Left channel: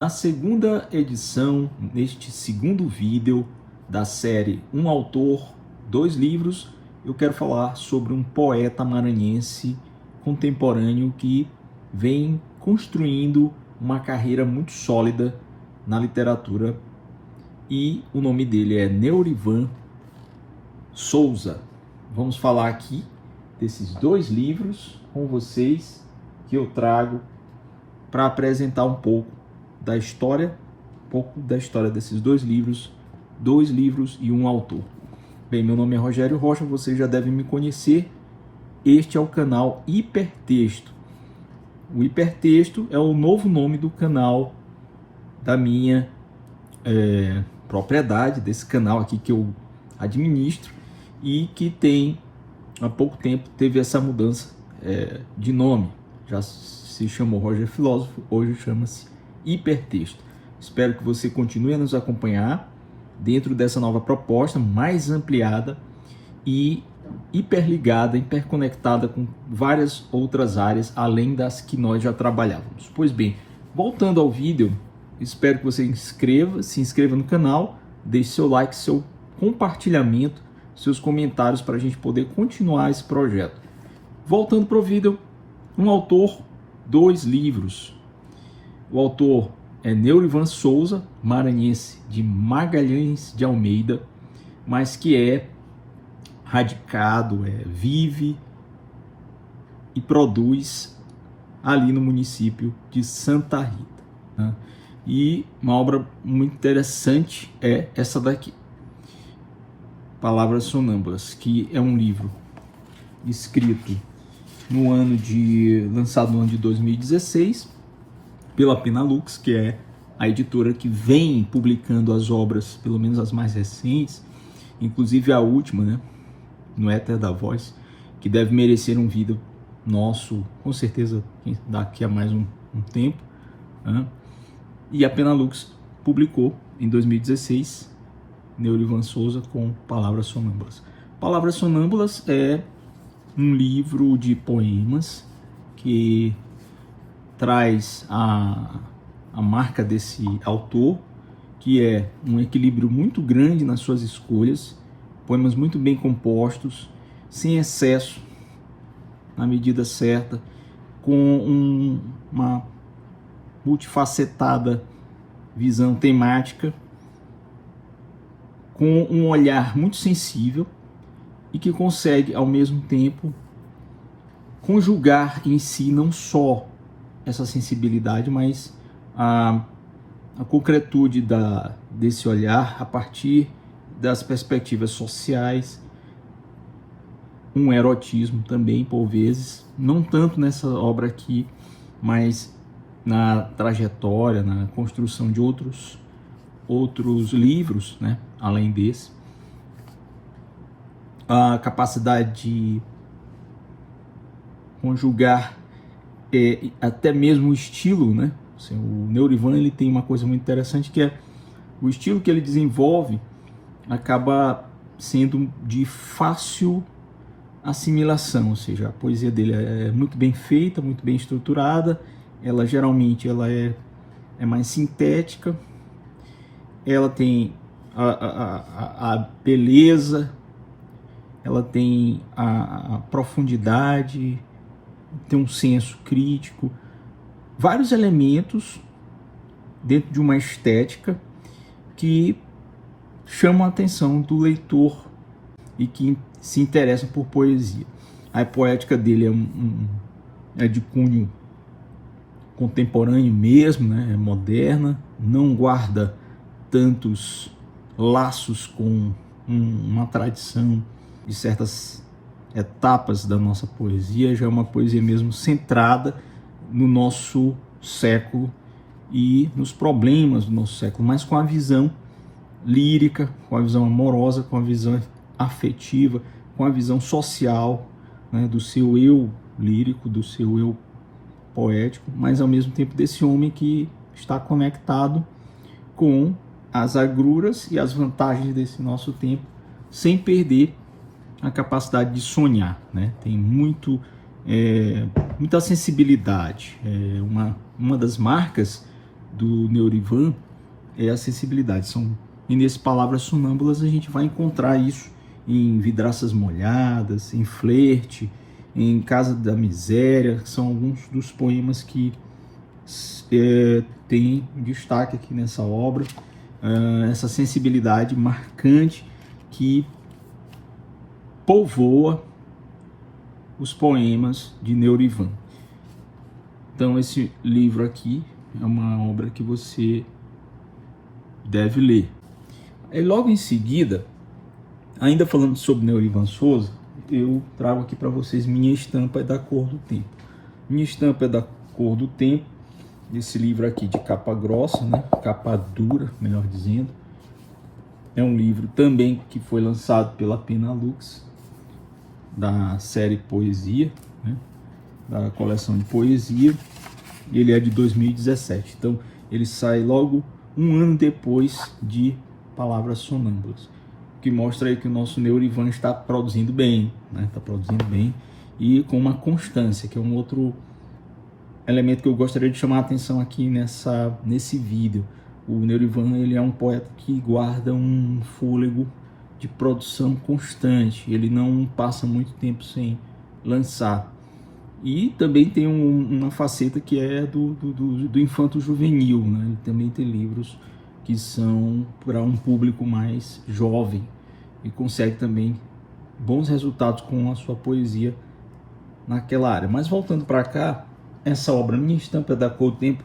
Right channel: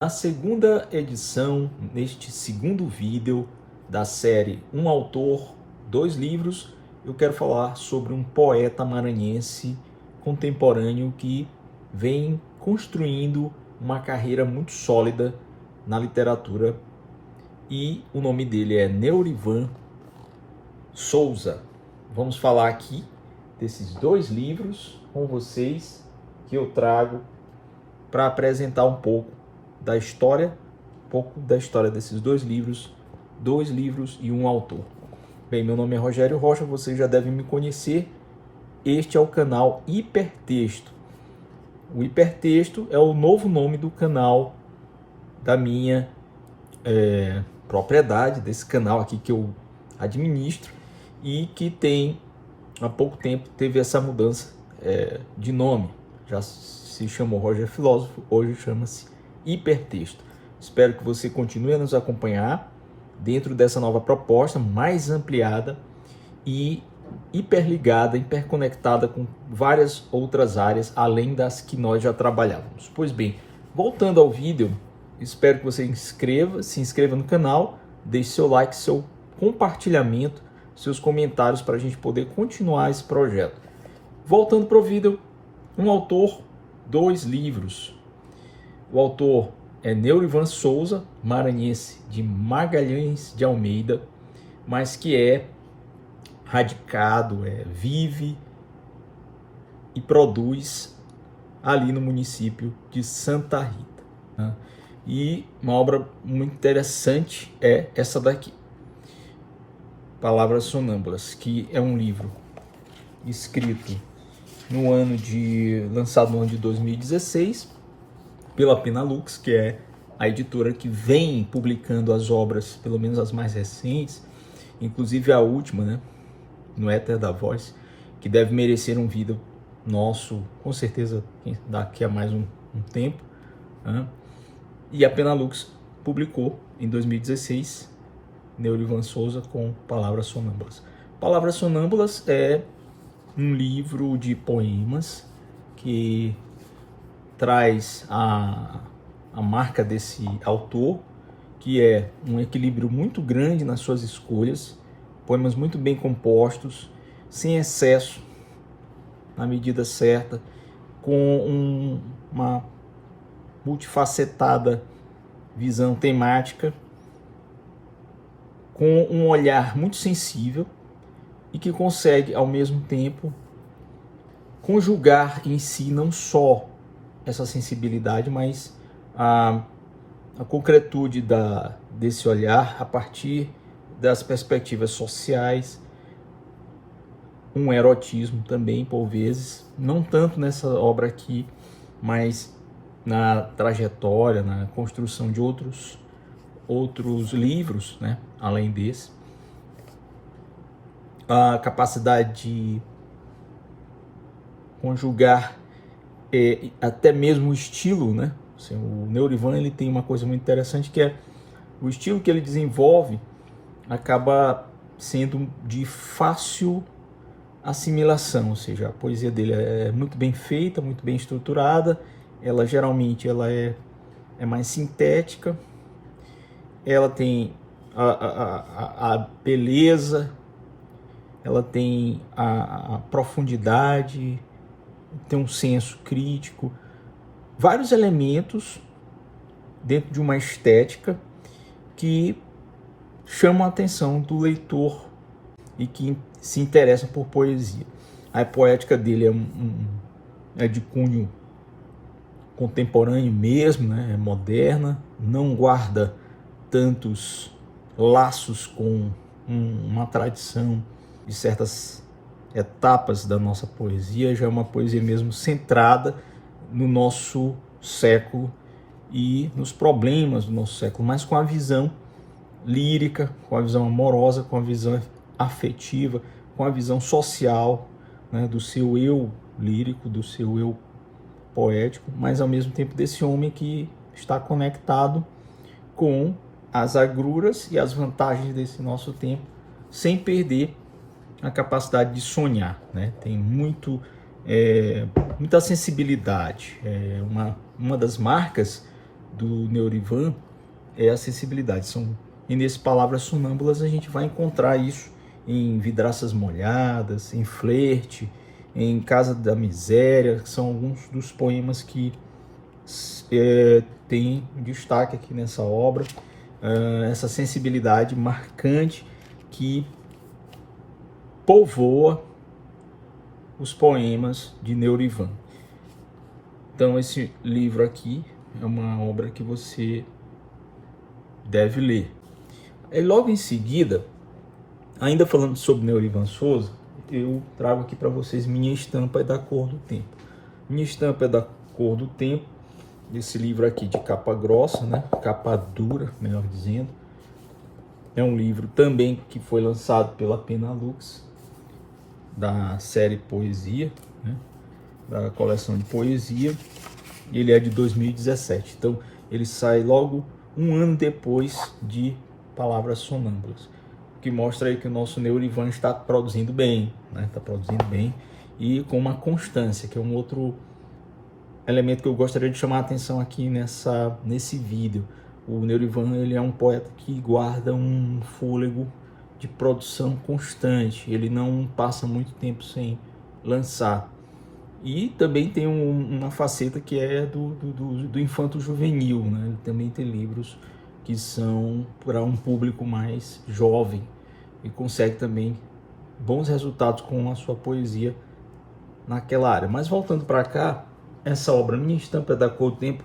Na segunda edição, neste segundo vídeo da série Um Autor, Dois Livros, eu quero falar sobre um poeta maranhense contemporâneo que vem construindo uma carreira muito sólida na literatura e o nome dele é Neurivan Souza. Vamos falar aqui desses dois livros com vocês que eu trago para apresentar um pouco da história, desses dois livros e um autor. Bem, meu nome é Rogério Rocha, vocês já devem me conhecer. Este é o canal Hipertexto. O Hipertexto é o novo nome do canal da minha propriedade, desse canal aqui que eu administro e que tem, há pouco tempo, teve essa mudança de nome. Já se chamou Roger Filósofo, hoje chama-se Hipertexto. Espero que você continue a nos acompanhar dentro dessa nova proposta mais ampliada e hiperligada, hiperconectada com várias outras áreas além das que nós já trabalhávamos. Pois bem, voltando ao vídeo, espero que você se inscreva no canal, deixe seu like, seu compartilhamento, seus comentários para a gente poder continuar esse projeto. Voltando para o vídeo, um autor, dois livros. O autor é Neurivan Souza, maranhense de Magalhães de Almeida, mas que é radicado, vive e produz ali no município de Santa Rita, né? E uma obra muito interessante é essa daqui, Palavras Sonâmbulas, que é um livro escrito lançado no ano de 2016, pela Penalux, que é a editora que vem publicando as obras, pelo menos as mais recentes, inclusive a última, né, no Éter da Voz, que deve merecer um vídeo nosso, com certeza, daqui a mais um tempo, né? E a Penalux publicou em 2016 Neurivan Souza com Palavras Sonâmbulas. Palavras Sonâmbulas é um livro de poemas que traz a marca desse autor, que é um equilíbrio muito grande nas suas escolhas, poemas muito bem compostos, sem excesso, na medida certa, com uma multifacetada visão temática, com um olhar muito sensível e que consegue, ao mesmo tempo, conjugar em si não só essa sensibilidade, mas a concretude desse olhar a partir das perspectivas sociais, um erotismo também, por vezes, não tanto nessa obra aqui, mas na trajetória, na construção de outros livros, né, além desse. A capacidade de conjugar até mesmo o estilo, né? Assim, o Neurivan, ele tem uma coisa muito interessante, que é o estilo que ele desenvolve acaba sendo de fácil assimilação, ou seja, a poesia dele é muito bem feita, muito bem estruturada, ela geralmente é mais sintética, ela tem a beleza, ela tem a profundidade, tem um senso crítico, vários elementos dentro de uma estética que chamam a atenção do leitor e que se interessa por poesia. A poética dele é de cunho contemporâneo mesmo, né? É moderna, não guarda tantos laços com uma tradição de certas etapas da nossa poesia, já é uma poesia mesmo centrada no nosso século e nos problemas do nosso século, mas com a visão lírica, com a visão amorosa, com a visão afetiva, com a visão social, né, do seu eu lírico, do seu eu poético, mas ao mesmo tempo desse homem que está conectado com as agruras e as vantagens desse nosso tempo, sem perder a capacidade de sonhar, né? Tem muita sensibilidade. Uma das marcas do Neurivan é a sensibilidade. E nesse Palavras Sonâmbulas a gente vai encontrar isso em Vidraças Molhadas, em Flerte, em Casa da Miséria, que são alguns dos poemas que tem destaque aqui nessa obra, essa sensibilidade marcante que povoa os poemas de Neurivan. Então esse livro aqui é uma obra que você deve ler. E logo em seguida, ainda falando sobre Neurivan Souza, eu trago aqui para vocês Minha Estampa é da Cor do Tempo. Minha Estampa é da Cor do Tempo, esse livro aqui de capa grossa, né? Capa dura, melhor dizendo. É um livro também que foi lançado pela Penalux, da série Poesia, né? Da coleção de poesia. Ele é de 2017, então ele sai logo um ano depois de Palavras Sonâmbulas, o que mostra aí que o nosso Neurivan está produzindo bem, né? Está produzindo bem e com uma constância, que é um outro elemento que eu gostaria de chamar a atenção aqui nesse vídeo. O Neurivan, ele é um poeta que guarda um fôlego de produção constante, ele não passa muito tempo sem lançar. E também tem uma faceta que é do infanto juvenil, né? Ele também tem livros que são para um público mais jovem e consegue também bons resultados com a sua poesia naquela área. Mas voltando para cá, essa obra Minha Estampa é da Cor do Tempo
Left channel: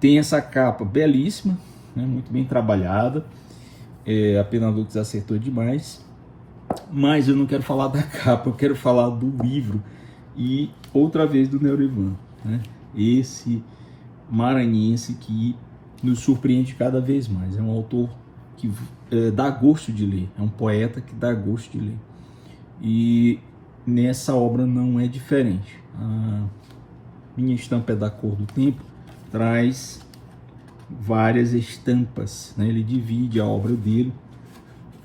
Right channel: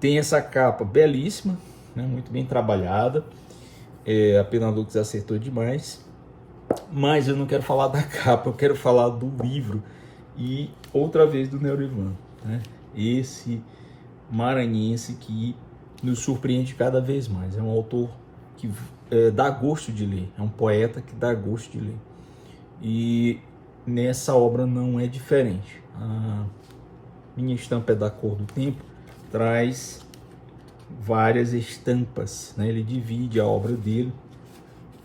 tem essa capa belíssima, né? Muito bem trabalhada. A Penalux acertou demais. Mas eu não quero falar da capa, eu quero falar do livro e outra vez do Neurivan, né? Esse maranhense que nos surpreende cada vez mais. É um autor que dá gosto de ler, é um poeta que dá gosto de ler. E nessa obra não é diferente. A Minha Estampa é da Cor do Tempo traz várias estampas, né? Ele divide a obra dele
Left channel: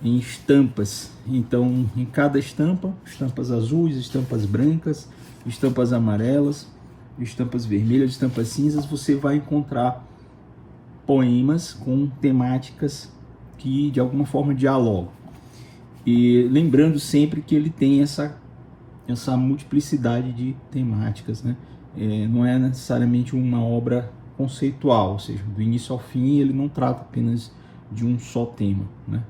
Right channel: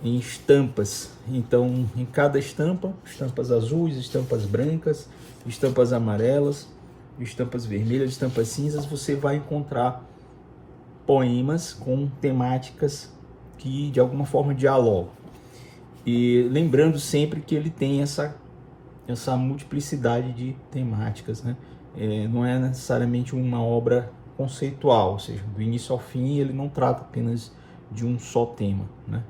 em estampas. Então, em cada estampa, estampas azuis, estampas brancas, estampas amarelas, estampas vermelhas, estampas cinzas, você vai encontrar poemas com temáticas que de alguma forma dialogam. E lembrando sempre que ele tem essa multiplicidade de temáticas, né? Não é necessariamente uma obra conceitual, ou seja, do início ao fim ele não trata apenas de um só tema, né?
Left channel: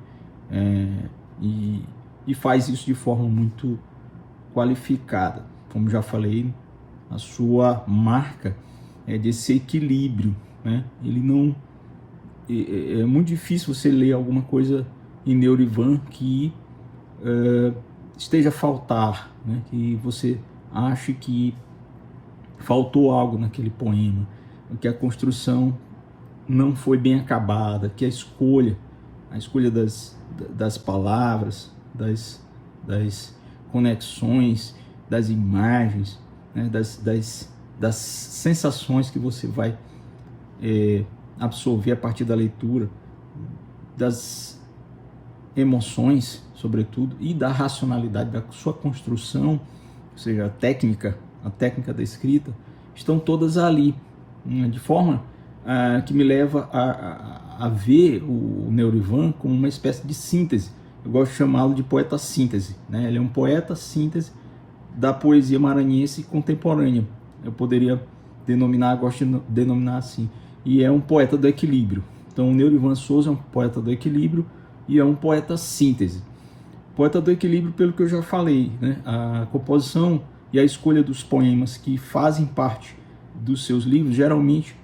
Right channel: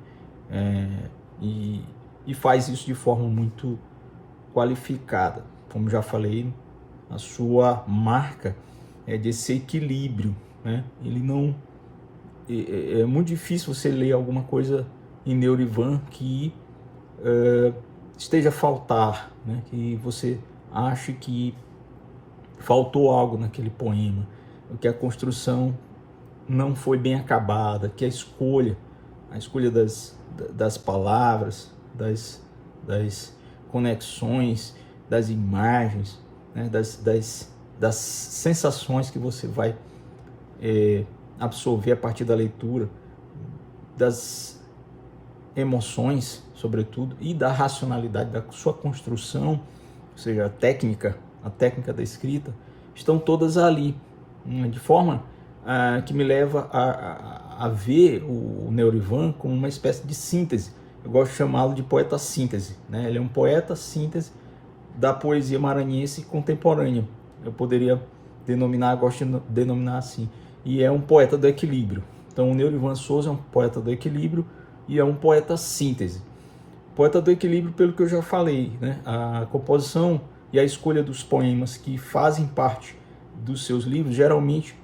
E faz isso de forma muito qualificada. Como já falei, a sua marca é desse equilíbrio, né? Ele não é muito difícil você ler alguma coisa em Neurivan que esteja a faltar, né? Que você ache que faltou algo naquele poema, que a construção não foi bem acabada, que a escolha das palavras, das conexões, das imagens, né? das sensações que você vai absorver a partir da leitura, das emoções, sobretudo, e da racionalidade da sua construção, ou seja, a técnica da escrita, estão todas ali, de forma que me leva a ver o Neurivan como uma espécie de síntese. Eu gosto de chamá-lo de poeta síntese, né? Ele é um poeta síntese da poesia maranhense contemporânea. Eu poderia gosto de denominar assim. E é um poeta do equilíbrio. Então o Neurivan Souza é um poeta do equilíbrio e é um poeta síntese. Poeta do equilíbrio, pelo que eu já falei, né? A composição e a escolha dos poemas que fazem parte dos seus livros, geralmente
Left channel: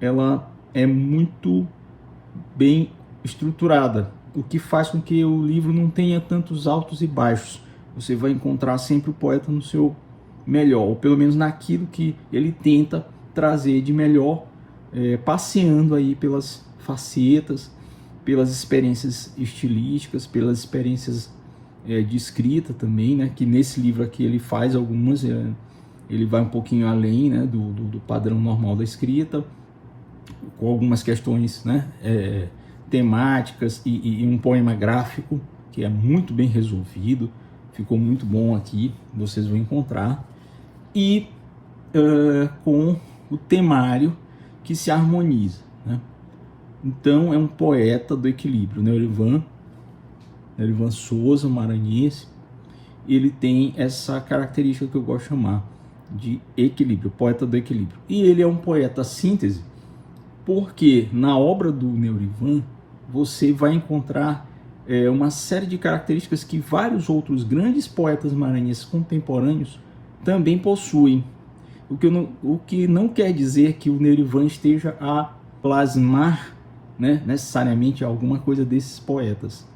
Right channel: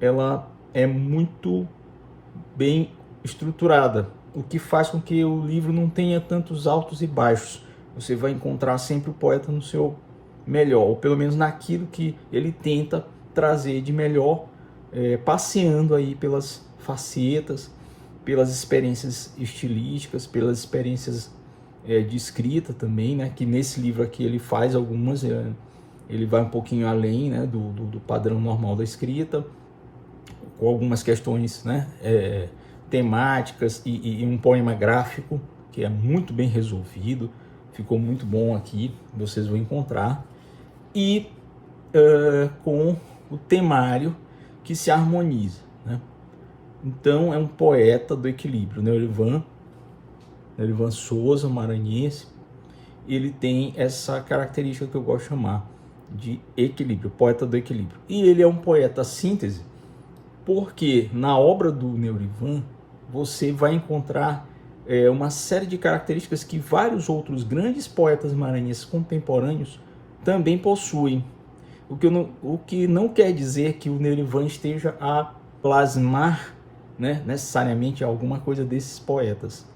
ela é muito bem estruturada, o que faz com que o livro não tenha tantos altos e baixos. Você vai encontrar sempre o poeta no seu melhor, ou pelo menos naquilo que ele tenta trazer de melhor, passeando aí pelas facetas, pelas experiências estilísticas, pelas experiências de escrita também, né? Que nesse livro aqui ele faz algumas, ele vai um pouquinho além, né? do padrão normal da escrita, com algumas questões, né? Temáticas e um poema gráfico que é muito bem resolvido, ficou muito bom aqui, vocês vão encontrar, e com o temário que se harmoniza, né? Então é um poeta do equilíbrio. Neurivan Souza, maranhense, ele tem essa característica que eu gosto de chamar de equilíbrio, poeta do equilíbrio. E ele é um poeta síntese, porque na obra do Neurivan você vai encontrar uma série de características que vários outros grandes poetas maranhenses contemporâneos também possuem. O que não quer dizer que o Neurivan esteja a plasmar, né, necessariamente alguma coisa desses poetas,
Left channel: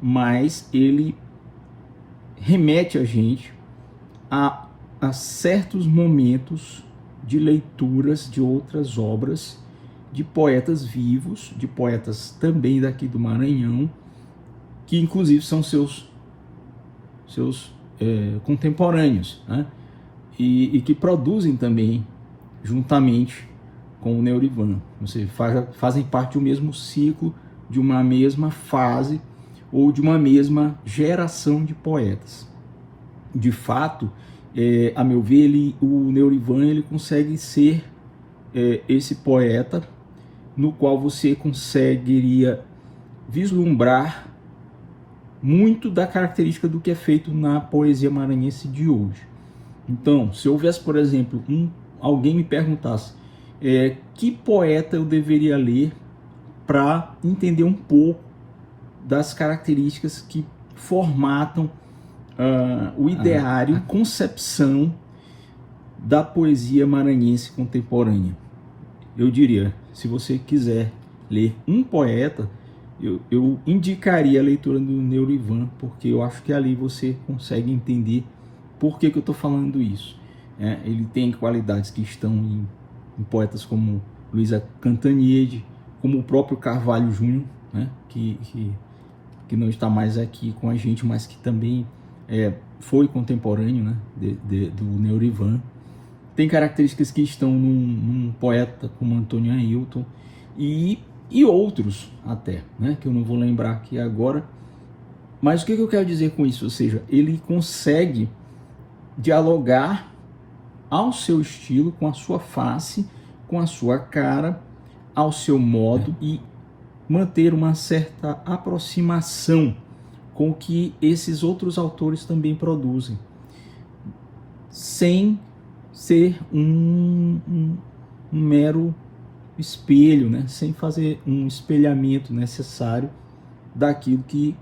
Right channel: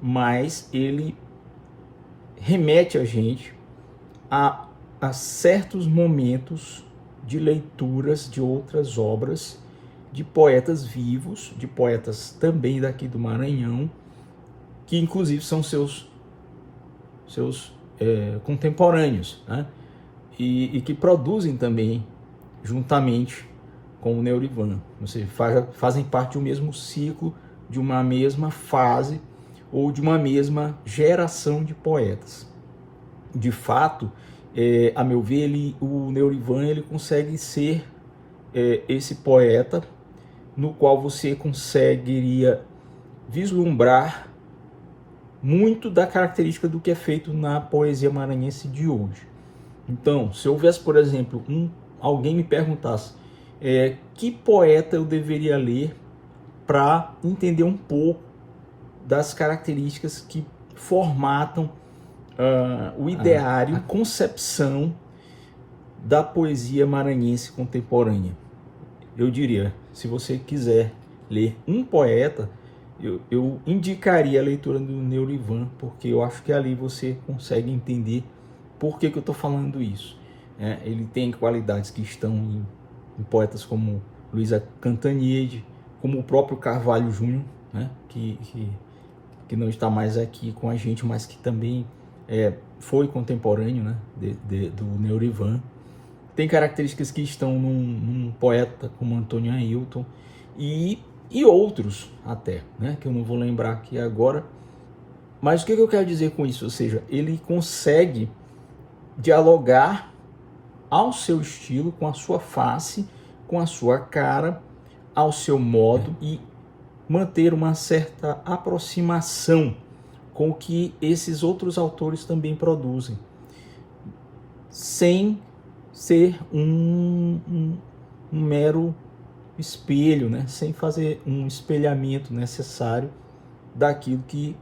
mas ele remete a gente a certos momentos de leituras de outras obras de poetas vivos, de poetas também daqui do Maranhão, que inclusive são seus contemporâneos, né? E que produzem também juntamente com o Neurivan, ou seja, fazem parte do mesmo ciclo, de uma mesma fase ou de uma mesma geração de poetas. De fato, a meu ver, o Neurivan ele consegue ser esse poeta no qual você conseguiria vislumbrar muito da característica do que é feito na poesia maranhense de hoje. Então, se houvesse, por exemplo, alguém me perguntasse que poeta eu deveria ler para entender um pouco das características que formatam o ideário, a concepção da poesia maranhense contemporânea, eu diria, se você quiser ler um poeta, eu indicaria a leitura do Neurivan, porque eu acho que ali você consegue entender por que eu estou falando isso. Ele tem qualidades que estão em poetas como Luísa Cantanhede, como o próprio Carvalho Júnior, né, que não está mais aqui com a gente, mas que também foi contemporâneo, né, do Neurivan. Tem características que estão num poeta como Antônio Ailton e outros até, né, que eu não vou lembrar aqui agora. Mas o que eu quero dizer com isso? Ou seja, ele consegue dialogar ao seu estilo, com a sua face, com a sua cara, ao seu modo e manter uma certa aproximação com o que esses outros autores também produzem, sem ser um mero espelho, né? Sem fazer um espelhamento necessário daquilo que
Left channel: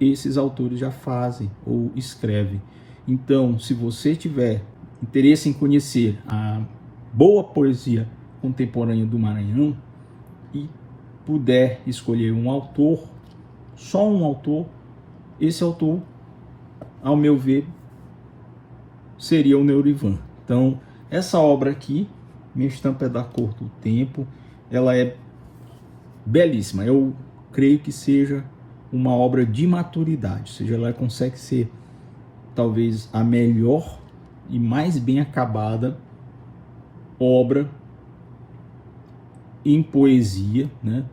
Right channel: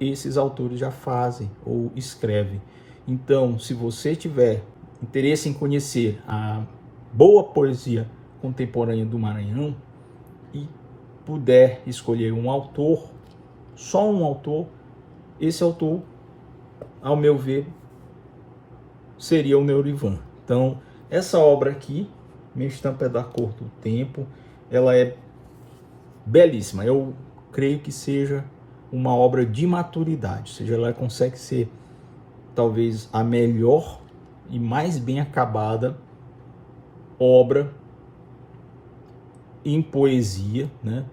esses autores já fazem ou escrevem. Então, se você tiver interesse em conhecer a boa poesia contemporânea do Maranhão e puder escolher um autor, só um autor, esse autor, ao meu ver, seria o Neurivan. Então, essa obra aqui, Minha Estampa é da Cor do Tempo, ela é belíssima. Eu creio que seja uma obra de maturidade, ou seja, ela consegue ser talvez a melhor e mais bem acabada obra em poesia, né,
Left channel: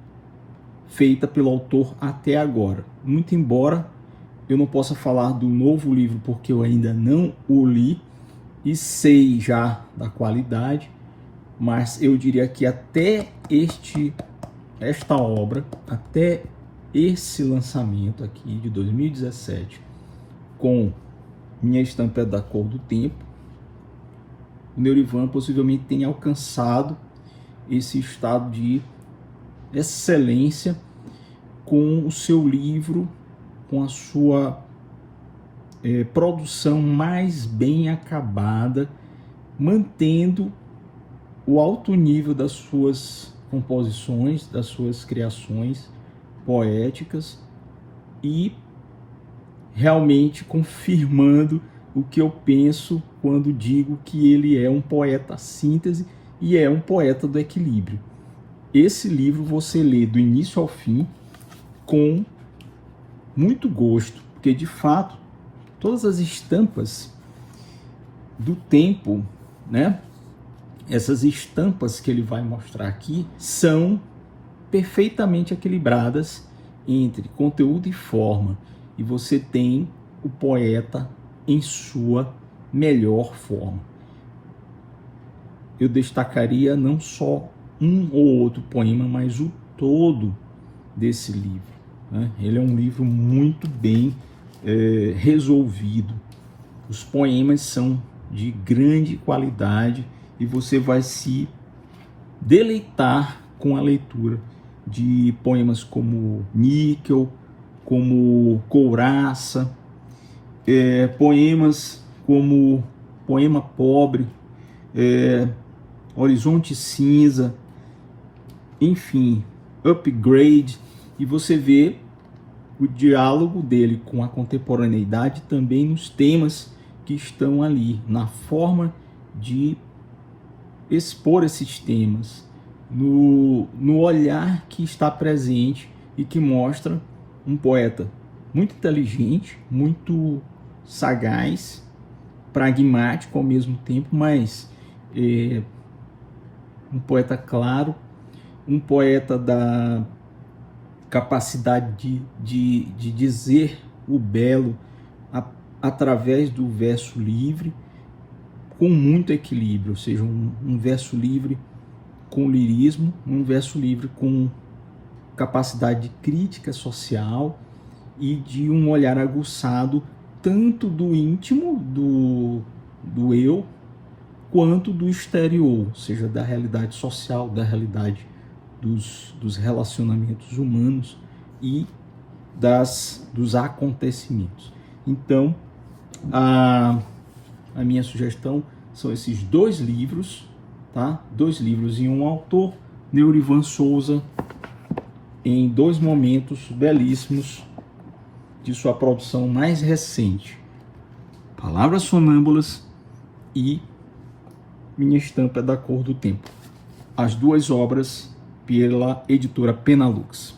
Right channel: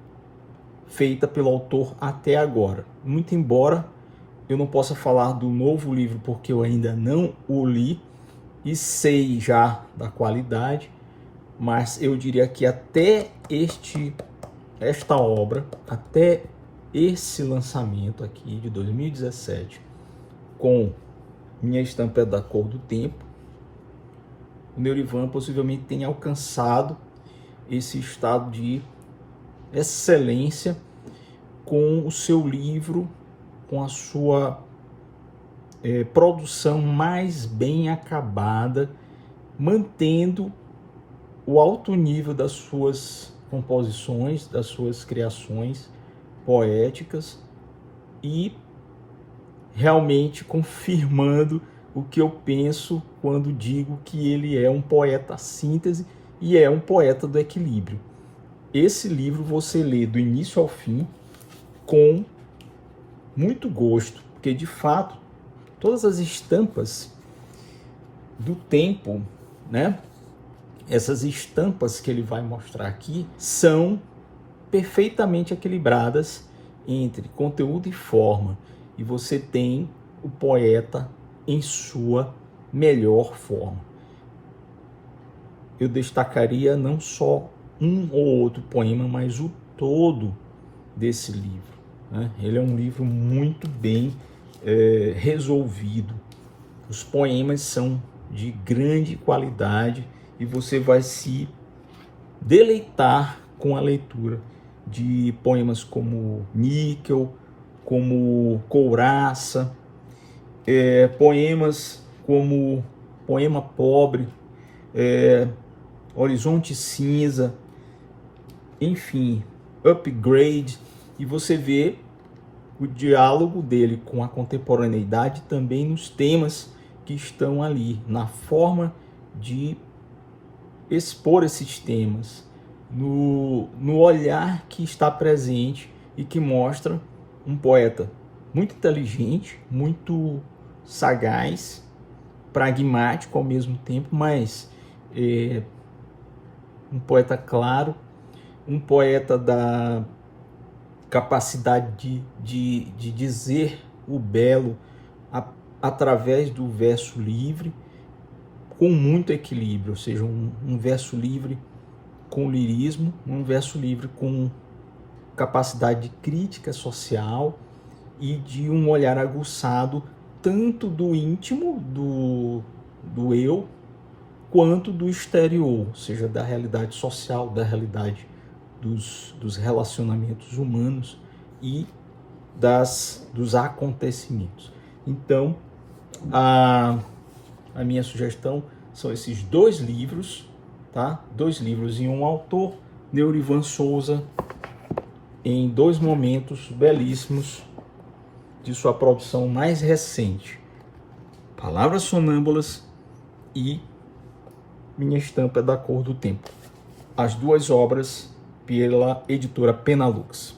feita pelo autor até agora. Muito embora eu não possa falar do novo livro porque eu ainda não o li e sei já da qualidade, mas eu diria que até esta obra, até esse lançamento aqui de 2017, com Minha Estampa é da Cor do Tempo, o Neurivan possivelmente tenha alcançado esse estado de excelência com o seu livro, com a sua produção mais bem acabada, mantendo o alto nível das suas composições, das suas criações poéticas e realmente confirmando o que eu penso quando digo que ele é um poeta síntese e é um poeta do equilíbrio. Esse livro você lê do início ao fim com muito gosto, porque de fato todas as estampas do tempo, né? Essas estampas que ele vai mostrar aqui são perfeitamente equilibradas entre conteúdo e forma, e você tem o poeta em sua melhor forma. Eu destacaria não só um ou outro poema, mas o todo desse livro, né? Ele é um livro muito bem resolvido. Os poemas são de grande qualidade e você vai se deleitar com a leitura de poemas como Níquel, como Couraça, poemas como Poema Pobre, Horizonte Cinza, enfim, Upgrade, e você vê o diálogo dele com a contemporaneidade também nos temas que estão ali, na forma de expor esses temas, no olhar que está presente e que mostra um poeta muito inteligente, muito sagaz, pragmático ao mesmo tempo, mas um poeta claro, um poeta da capacidade de dizer o belo através do verso livre, com muito equilíbrio, ou seja, um verso livre com lirismo, um verso livre com capacidade de crítica social e de um olhar aguçado tanto do íntimo, do eu, quanto do exterior, ou seja, da realidade social, da realidade dos relacionamentos humanos e dos acontecimentos. Então, a minha sugestão são esses dois livros, tá? Dois livros e um autor, Neurivan Souza, em dois momentos belíssimos de sua produção mais recente, Palavras Sonâmbulas e Minha Estampa é da Cor do Tempo. As duas obras pela editora Penalux.